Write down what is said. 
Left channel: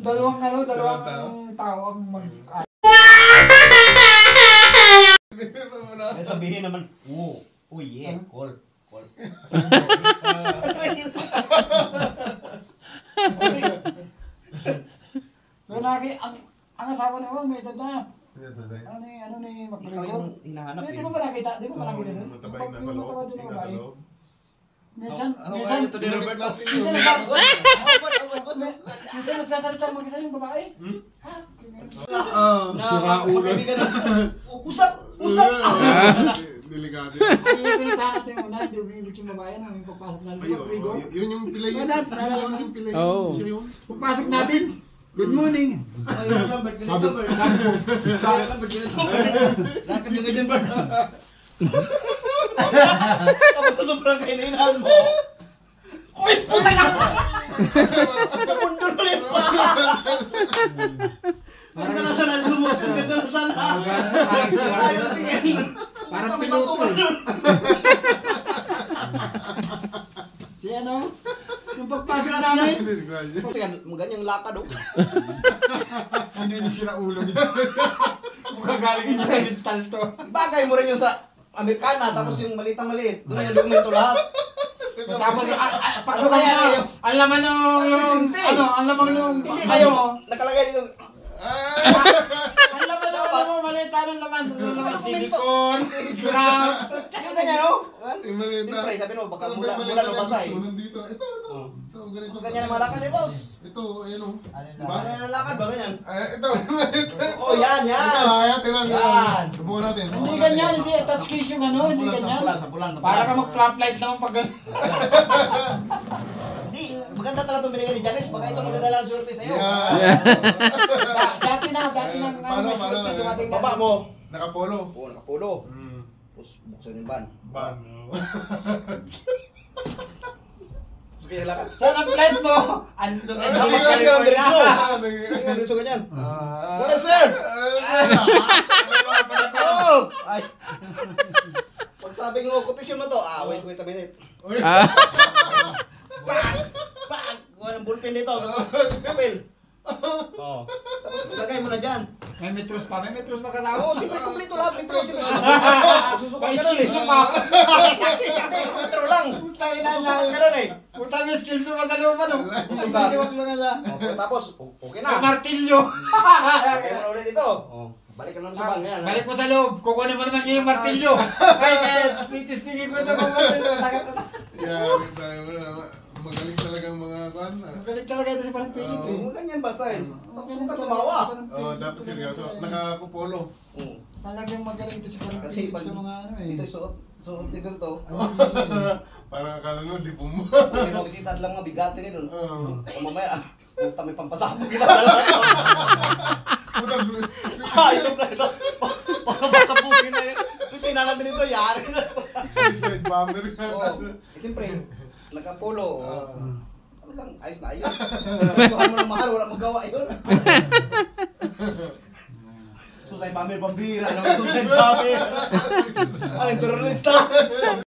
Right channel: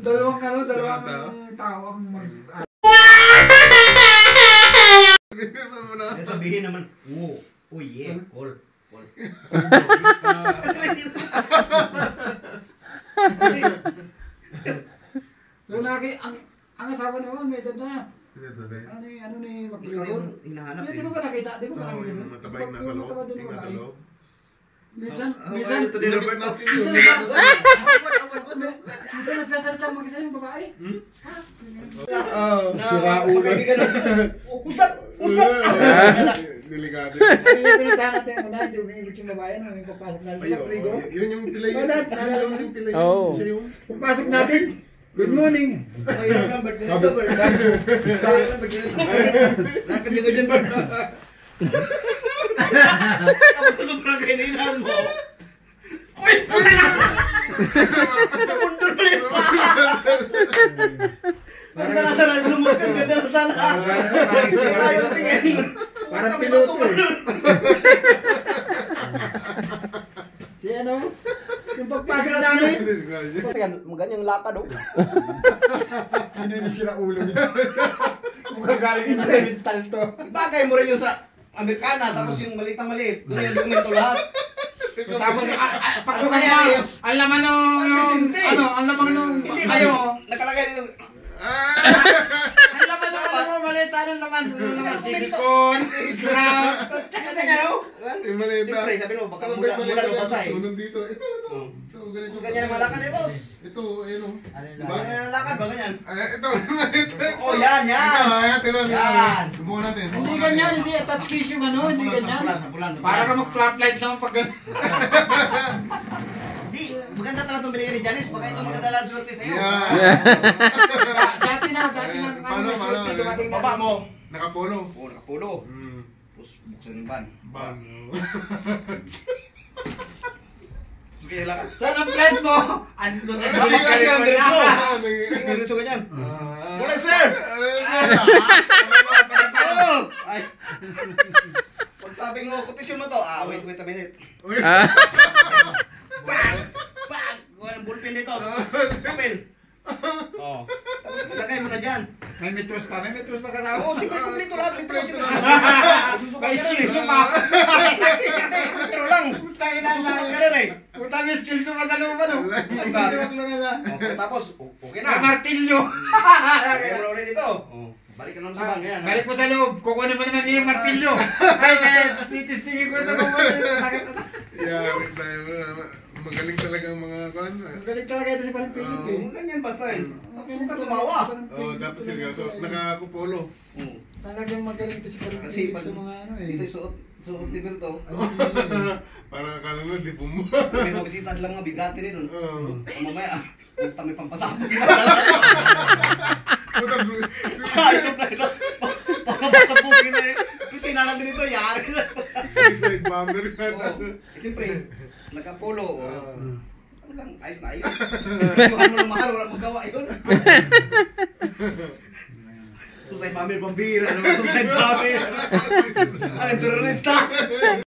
dalawang tao ang mag... Sabihin naman, oh yeah, call. So, ang asawa naman, may edad na. Ano ni magpaligor? Hinahanap Di mo ba nakita? Di mo ba nakita doon? Matabay na sa loob. Minsan nagsasalita ang mag-isa yung babae. Sira ulo. Usap! Delikado. Pinitahan natin yung una, hindi umiilit yung babae na may papasok na magpaligor. Yun yung pilay. Yun yung pilay. Siya yun. Pagpasok natin, good morning. Mayroon lang, Bert. Ganito, Bert. Mayroon lang, Bert. Ganito. Lakad yung ganyan, Bert. Tapos sobrang kainainahan mo. Uy! Puta na! Napundol mo yung pa! Parang ka nasa nasa lumusod. Ganda na sana. Ayos tingin. Parang piloto eh. Si ano? Yung pagpasok namin. Ganyang lakad oh. Sino yung sira ulo nito? Magagaling yung mental to. Bagay mo rin yung sa Amerikana, tapos yung maliit. Doon yung dokumento lahat. Tapos pagbukas mo, ang laman nung ang laman nung Nakalagay dito. Ang laman nung malita ng laman silicone, ground. Ano niya no? Yung malita. Siyempre, sabi mo, baka mula lumasa eh. Sunog dito. Ito, ganito. Ganyan ang malakad eh, boss. Ito, ayun o. Diba? Ganyan ang lakad ba, ganyan? Ito, malita. Oh, yan. Ito, tinan. Yan. Subukan natin. Hindi ganyan, hindi touch case yung ano, hindi ganyan. Para ka mag-flatlight naman pag Hindi, maganda talaga itong binigyan ni Janice. Baka ito maganda lang surte sa'yo. Dati na, Paano? Baba mo. Nakapolo. Oo, nakapulo. Tapos buksan yung van. Sige, lakad. saan ang flight mo? Andun Ay, na lang, California. Diretso ganyan. Wala, sir! Ay. Pag sabing mo, kotisyon mo to. Wait a minute. Bang! Gawa ng bullpen dito. Kapil. Oo. Tapos ilagay mo na dyan. May metros pa kasama. Oo, siyempre kumplito lahat. Metro May skills pa. Metro lang. Susukat ka rin eh. Puta, may skills pa sa loob ano. Tapos, okay na. May martilyo. Lagay mo na ulit dito. Balik ka naman sa bang. Yan. Balik mo sa loob. Kukuha mo naman yung martilyo. Ay, titistingin ko ito kung ano. Yan, magaling talaga ang mga kan. Magaling talaga ito si Parang Philip eh. Ganyan basta eh. Magaling Suka talaga tumawa. Dapat seryoso. Nakakupolo. Talagang magaling ito si Parang Kasi Philip pag sa mga ano eh. dito suot ni Berto. Parang akala nyo, di bumo. May mga bisita sila mga bigati rin nun. Mamaya, puta may pampasabog. Ayun na ito. Pakapasabugin na yun. Kusina na din ito, yari na. Suicide bomber. Siyempre, nagka-polo. Talagang ayos na ayos. Tuhan mo ng mahal, wala magawa yun. Suicide bomber, pambira. Suicide bomber. Ay, terorista.